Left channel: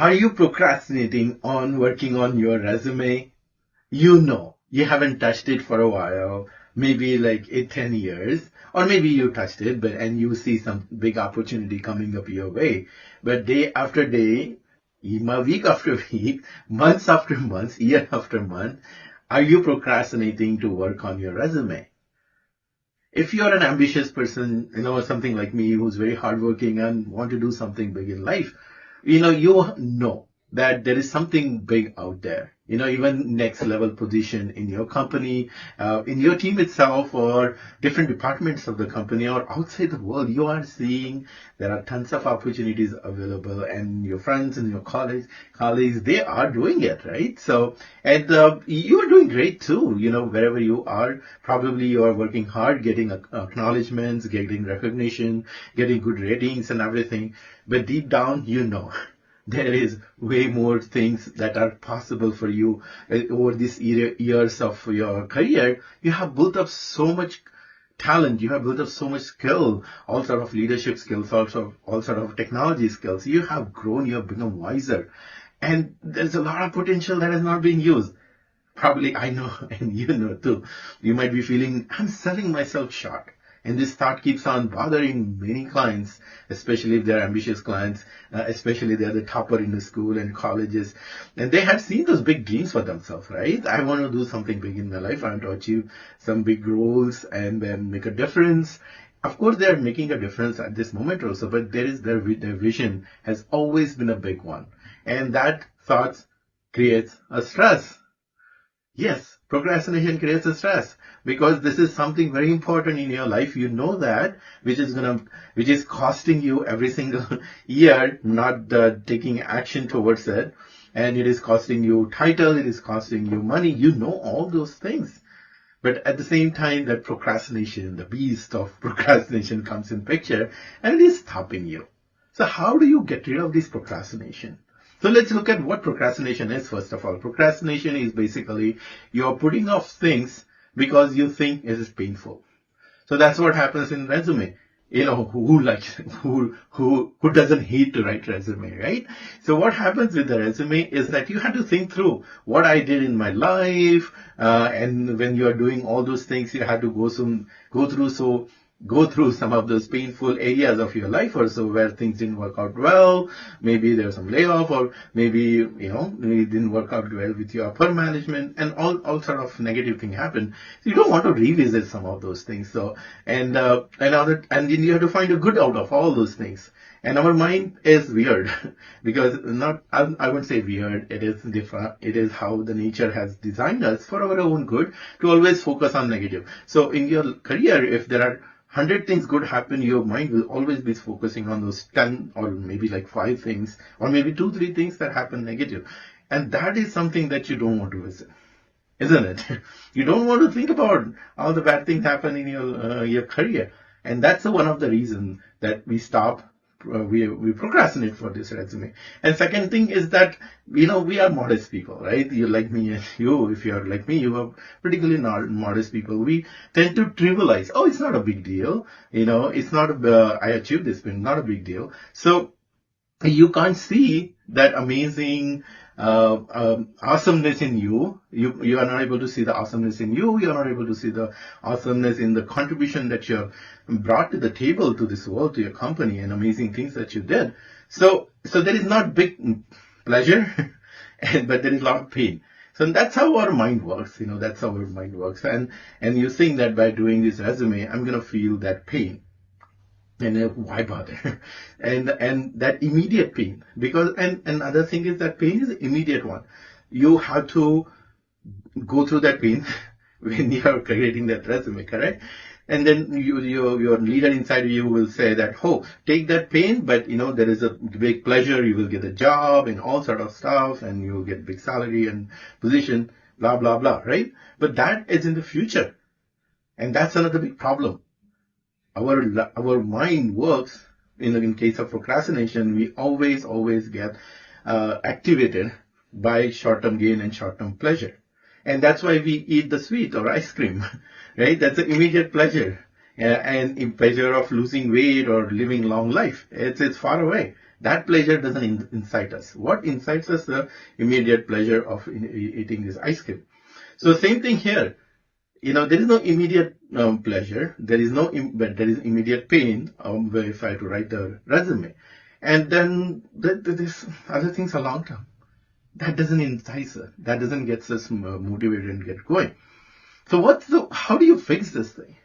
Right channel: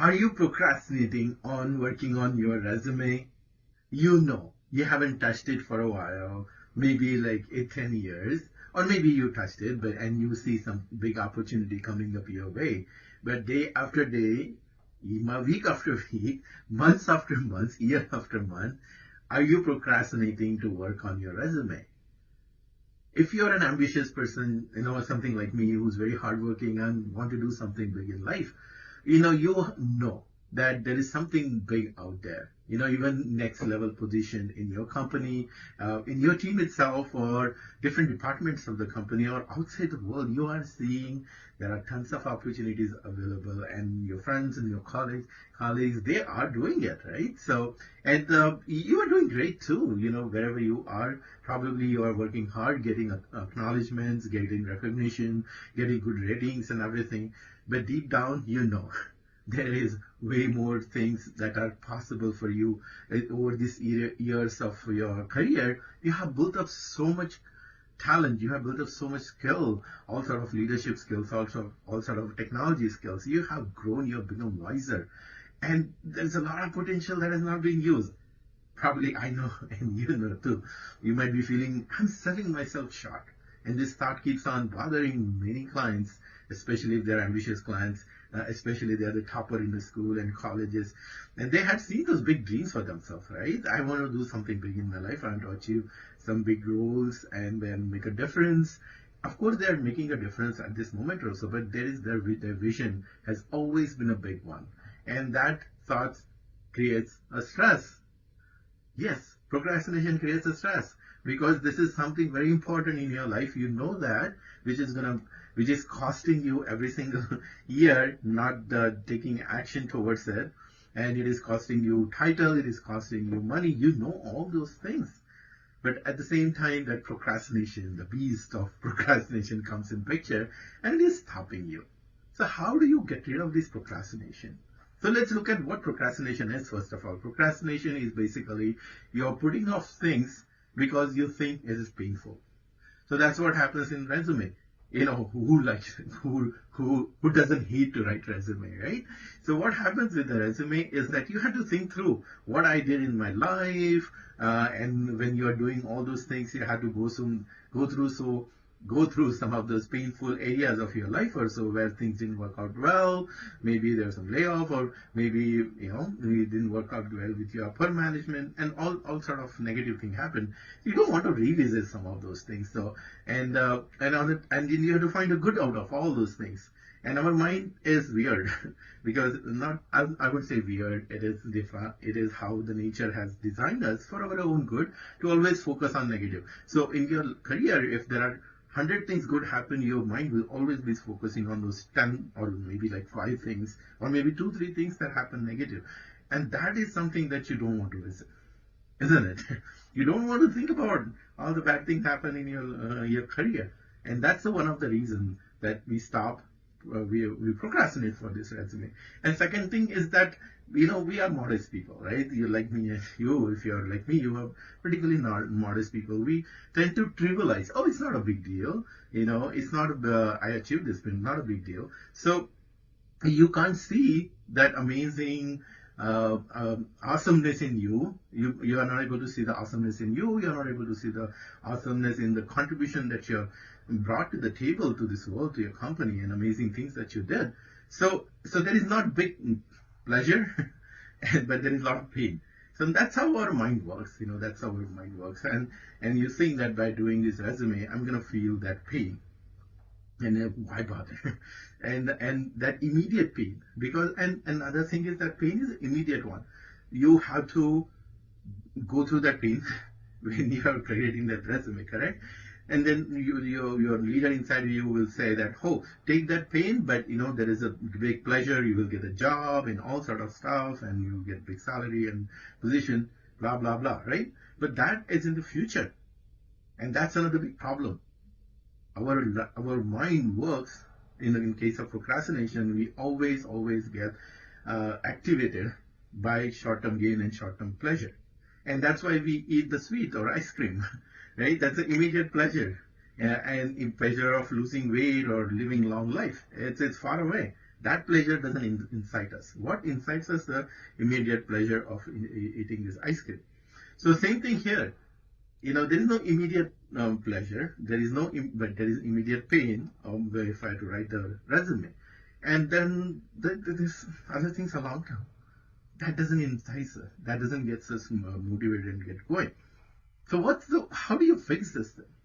Are you procrastinating on working on your resume? You haven't touched it for a while, maybe like 10 years, or maybe you touched it, but and you see some big opportunity coming up your way. But day after day, week after week, months after months, year after month, are you procrastinating to work on your resume? If you're an ambitious person, something like me who's very hardworking and want to do something big in life, you know that there is something big out there. Even next level position in your company, in your team itself, or different departments of the company, or outside the world, you are seeing there are tons of opportunities available, and your friends and your colleagues, they are doing it, right? So, and you are doing great too. Wherever you are, probably you are working hard, getting acknowledgments, getting recognition, getting good ratings and everything. But deep down, there is way more things that are possible for you over these years of your career. You have built up so much talent, you have built up so much skill, all sort of leadership skills, also all sort of technology skills. You have grown, you have become wiser, and there's a lot of potential that is not being used. Probably I know, and you know too. You might be feeling, I'm selling myself short. And this thought keeps on bothering many clients, especially if they're ambitious clients, especially they're the topper in the school and colleges. And they have seen those big dreams for themselves, right? I want to do something big in my life. I want to achieve some big goals and then make a difference. Of course, they are making a difference at this moment also, but their vision has always been a big one. And that thought creates a stress. Yes, procrastination creates a stress because this is something very important in your life. You know that, which is costing you every single year, not taking action towards it, and it is costing you title, it is costing you money. You know all those things, but at the same time, that procrastination, the beast of procrastination, comes in picture, and it is stopping you. So, how do you get rid of this procrastination? So let's look at what procrastination is first of all. Procrastination is basically you're putting off things because you think it is painful. So that's what happens in resume. Who doesn't hate to write resume, right? So what happens with the resume is that you have to think through what I did in my life, and when you are doing all those things, you have to go through some of those painful areas of your life or so where things didn't work out well. Maybe there's some layoff, or maybe it didn't work out well with your upper management, and all sort of negative thing happened. So you don't want to revisit some of those things. So and then you have to find a good out of all those things. And our mind is weird because I wouldn't say weird, it is different. It is how the nature has designed us for our own good to always focus on negative. So in your career, if there are 100 things good happen, your mind will always be focusing on those 10 or maybe like 5 things or maybe 2-3 things that happen negative. And that is something that you don't want to visit, isn't it? You don't want to think about all the bad things happen in your career. And that's one of the reasons that we stop. We procrastinate for this resume. And second thing is that we are modest people, right? You like me, and if you're like me, you are particularly not modest people. We tend to trivialize. Oh, it's not a big deal. It's not I achieved this, but not a big deal. So you can't see that amazing awesomeness in you. You are not able to see the awesomeness in you. You are not able to see the awesomeness in the contribution that you have brought to the table, to this world, to your company, and amazing things that you did. So there is not big pleasure, but there is a lot of pain. So that's how our mind works. That's how our mind works. And you think that by doing this resume, I'm gonna feel that pain. And why bother? and that immediate pain, because and another thing is that pain is an immediate one. You have to go through that pain when you are creating that resume, correct? And then your leader inside of you will say that, oh, take that pain, but there is a big pleasure. You will get a job and all sort of stuff, and you will get big salary and position, blah blah blah, right? But that is in the future, and that's another big problem. Our mind works in case of procrastination. We always get activated by short-term gain and short-term pleasure, and that's why we eat the sweet or ice cream, right? That's an immediate pleasure, and in pleasure of losing weight or living long life. It's far away. That pleasure doesn't incite us. What incites us? The immediate pleasure of eating this ice cream. So same thing here. There is no immediate pleasure. But there is immediate pain if I have to write the resume. And then this other things are long term. That doesn't entice us. That doesn't get us motivated and get going. So how do you fix this thing?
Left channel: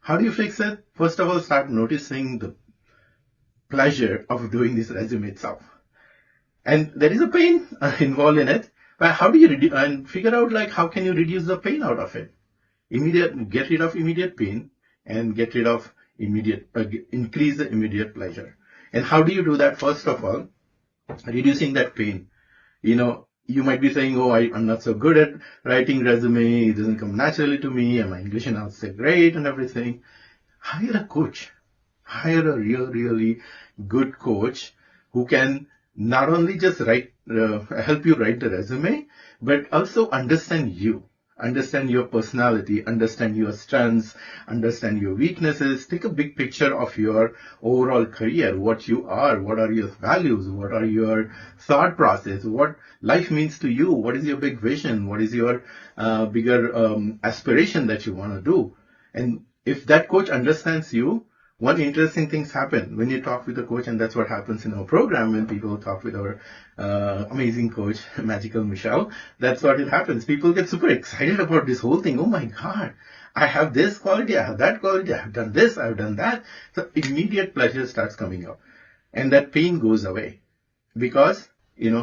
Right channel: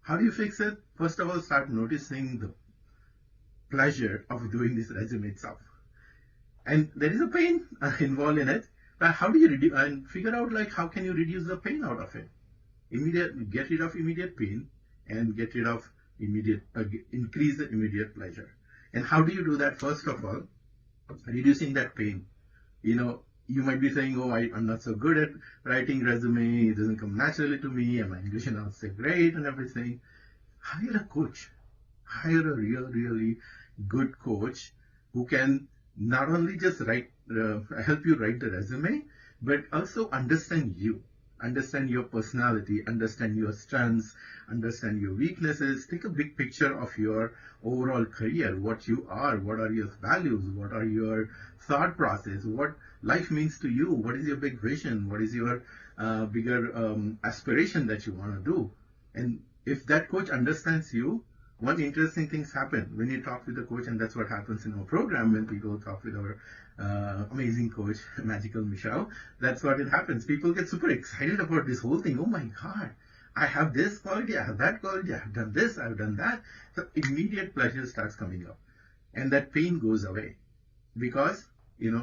How do you fix it? First of all, start noticing the pleasure of doing this resume itself. And there is a pain involved in it. But how do you and figure out how can you reduce the pain out of it? Get rid of immediate pain and get rid of increase the immediate pleasure. And how do you do that? First of all, reducing that pain. You might be saying, oh, I'm not so good at writing resume. It doesn't come naturally to me. And my English and I'll say great and everything. Hire a coach. Hire a really good coach who can not only just help you write the resume, but also understand your personality, understand your strengths, understand your weaknesses, take a big picture of your overall career, what you are, what are your values, what are your thought process, what life means to you, what is your big vision, what is your bigger aspiration that you want to do. And if that coach understands you, one interesting things happen when you talk with the coach, and that's what happens in our program when people talk with our amazing coach, Magical Michelle. That's what it happens. People get super excited about this whole thing. Oh my God, I have this quality, I have that quality, I have done this, I have done that. So immediate pleasure starts coming up, and that pain goes away because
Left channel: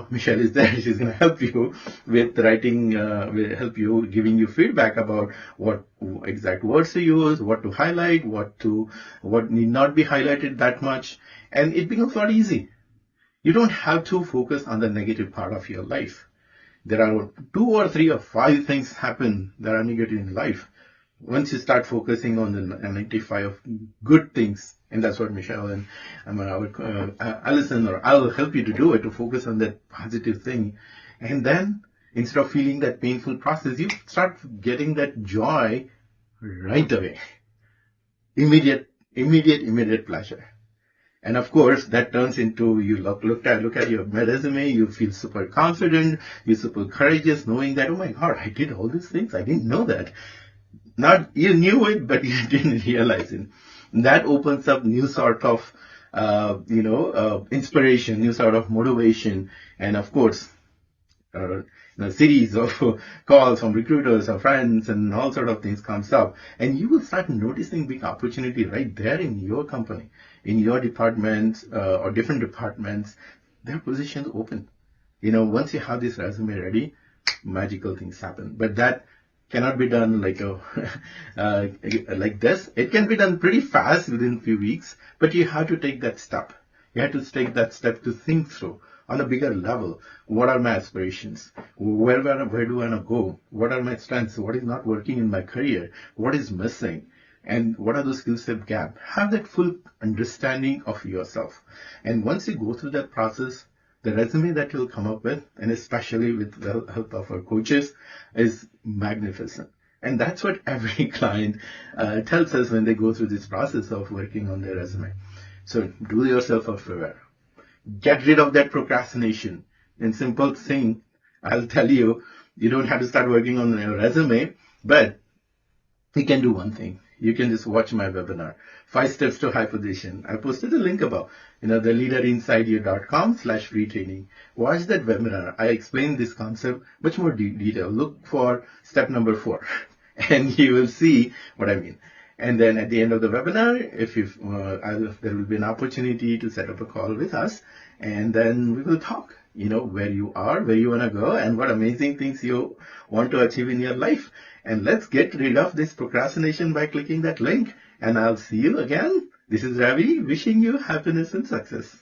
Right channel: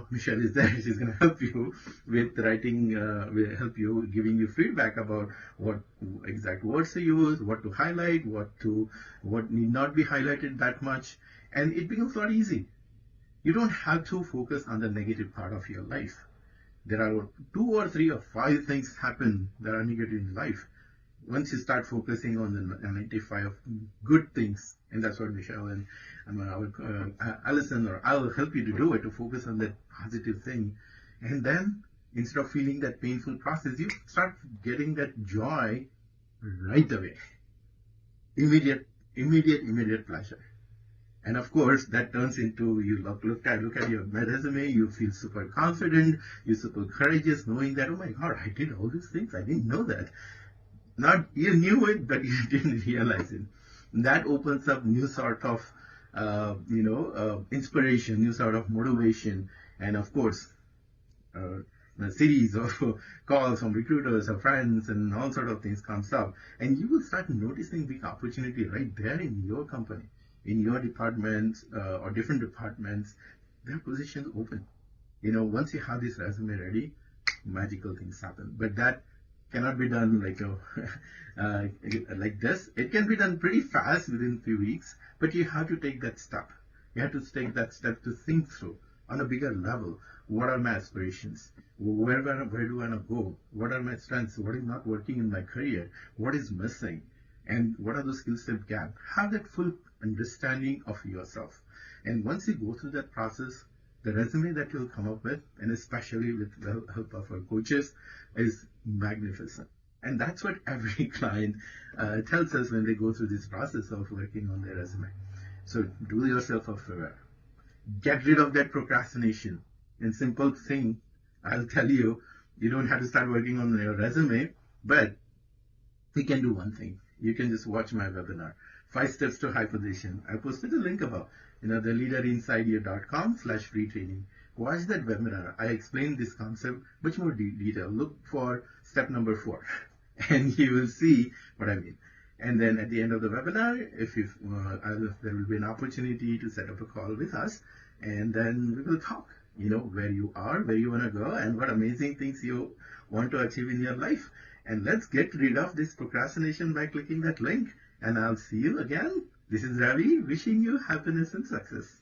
Michelle is there. She's going to help you with writing, will help you, giving you feedback about what exact words to use, what to highlight, what need not be highlighted that much. And it becomes a lot easy. You don't have to focus on the negative part of your life. There are 2 or 3 or 5 things happen that are negative in life. Once you start focusing on the 95 good things, and that's what Michelle and Alison or I'll help you to do it, to focus on that positive thing. And then instead of feeling that painful process, you start getting that joy right away. Immediate pleasure. And of course, that turns into you look at your resume, you feel super confident, you're super courageous, knowing that, oh my God, I did all these things. I didn't know that. Not you knew it, but you didn't realize it. And that opens up new sort of, inspiration, new sort of motivation, and of course, a series of calls from recruiters or friends and all sort of things comes up, and you will start noticing big opportunity right there in your company, in your department or different departments. Their positions open. Once you have this resume ready, magical things happen. But that cannot be done like this. It can be done pretty fast within a few weeks, but you have to take that step. You have to take that step to think through on a bigger level. What are my aspirations? Where do I want to go? What are my strengths? What is not working in my career? What is missing? And what are the skill set gap? Have that full understanding of yourself. And once you go through that process, the resume that you'll come up with, and especially with the help of our coaches, is magnificent. And that's what every client tells us when they go through this process of working on their resume. So do yourself a favor. Get rid of that procrastination. And simple thing, I'll tell you, you don't have to start working on your resume, but you can do one thing. You can just watch my webinar, 5 Steps to High Position. I posted a link above, theleaderinsideyou.com/free training. Watch that webinar. I explain this concept much more detail. Look for step number 4 and you will see what I mean. And then at the end of the webinar, there will be an opportunity to set up a call with us, and then we will talk, where you are, where you want to go, and what amazing things you want to achieve in your life. And let's get rid of this procrastination by clicking that link. And I'll see you again. This is Ravi, wishing you happiness and success.